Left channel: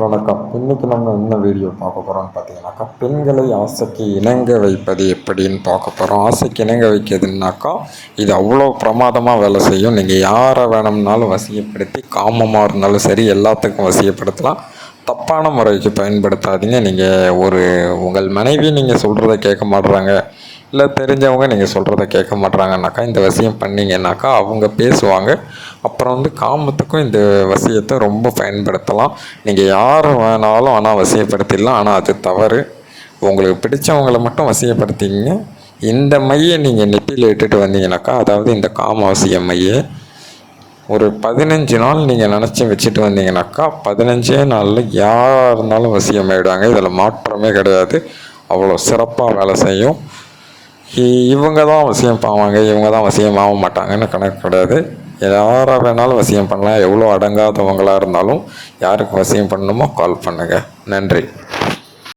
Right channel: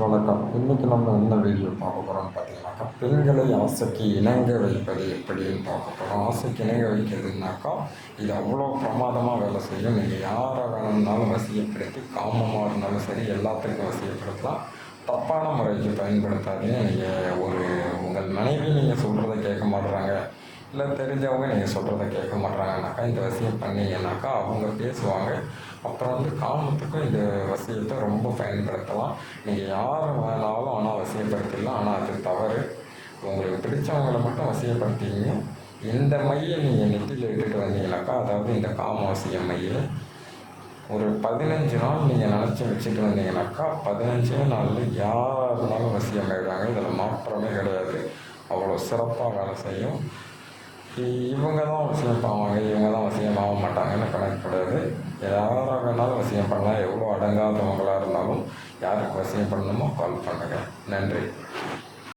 வணக்கம். இன்றைக்கி நம்ம என்ன வீடியோ பார்க்க போகிறோம்னு பார்த்தீங்கன்னாக்கா பெண்களை ஆசைக்கு இணங்க வைப்பது எப்படின்னு பார்க்க போகிறோம் ஆசைக்கு இணங்க வைக்கிறதுனாக்கா இது அவ்வளோ பிரமாதமாக வேலை செய்யும். நீங்கள் யாரை வேணும்னாலும் வசியப்படுத்தி காமமாக இருந்தாலும் சரி எல்லாத்துக்கும் வசியப்படுத்தலாம். தப்பான முறைக்கு பயன்படுத்தாதீங்க. நீங்கள் ஒரு உங்கள் மனைவி நீங்கள் சொல்கிறத கேட்க மாட்றாங்க. இல்லை தெரிஞ்சவங்க நீங்கள் சொல்கிறத கேட்க மாட்றாங்கனாக்கா இந்த வசியம் பண்ணீங்கன்னாக்கா அவங்க பேசுவாங்க. அப்புறம் வந்து காமத்துக்கும் இந்த வசியத்தை ரொம்ப பயன்படுத்தலாம். நீங்கள் யார் வேணாலும் ஆனால் வசியப்படுத்திடலாம். ஆனால் அது தவறு. உங்களுக்கு பிடிச்சவங்கள மட்டும் வசியப்படுத்திங்க இந்த மையை நீங்கள் நெத்தியில் இட்டுட்டு வந்தீங்கனாக்கா அதாவது இந்த காம வசிய மையை ஒரு பதினஞ்சு நாள் நீங்கள் நினச்சி வச்சுட்டு வந்தீங்கனாக்கா பதினஞ்சே நாளில் யாராக இருந்தாலும் வசியம் ஆயிடுவாங்க. இதில் மாற்றமே கிடையாது. அவ்வளோ சிறப்பாக வேலை செய்யும். இவங்க தான் வசியம் பாவாங்க இவங்க தான் வசியம் ஆக மாட்டாங்கன்னு கணக்கு கிடையாது. யாராக வேணாலும் வசியம் பண்ணலாம். எவ்வளோ அடங்காதவங்களாக இருந்தாலும் யாருக்கு வசியம் பண்ணணுமோ கால் பண்ணுங்கள் நன்றி.